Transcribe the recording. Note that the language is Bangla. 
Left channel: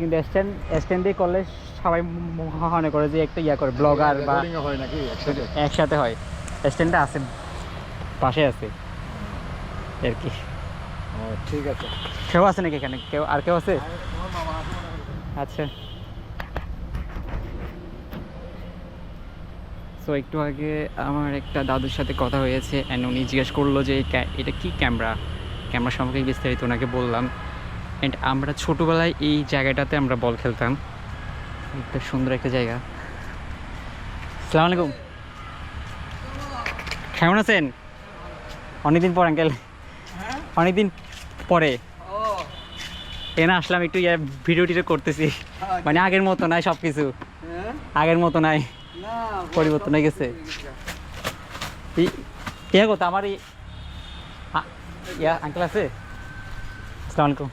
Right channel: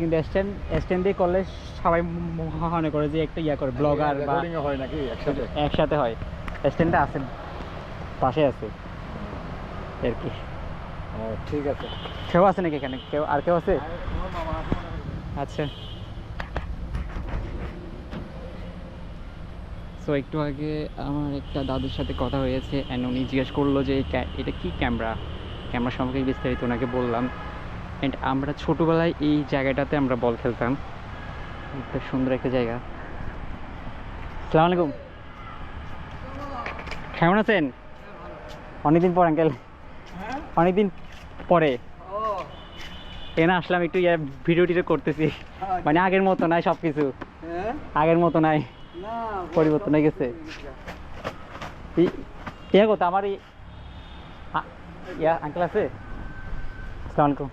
কিন্তু স্ট্যান্ড দিয়ে করলে সবাই মনে করে যে একটা ইয়া করে ব্লগার বা হয় নাকি একসাথে হয়। স্ট্যান্ডটা আছে, পাশে আছে আর কি। ও ঠিক আছে। কেউ আছে নাকি এখানে? কেউ আছে? আচ্ছা। সো একটু আগে আমার একটা দাদুর সাথে কথা হয়েছে অ্যান্ড উনি জিজ্ঞেস করলো যে এটা কি ক্যামেরা সম্পর্কে বিস্তারিত ওনাকে বললাম। অ্যান্ড আমরা ছোটোবেলায় এই জায়গাটাতে আমরা বল খেলতাম, একটা সুন্দর একটা জায়গা। আসসালামু আলাইকুম, কেমন আছেন? অনেকদিন পর আঙ্কেল, অনেকদিন পরে এখানে আসলাম, একটু ভিডিও টিডিও করতেছি। মানে আগের মতো নাই সব কিছু, আগের মতো নাই, পরিবর্তন হয়ে গেছে। ইয়া কথা আমার ইয়া আঙ্কেল আছে। আসসালামু আলাইকুম।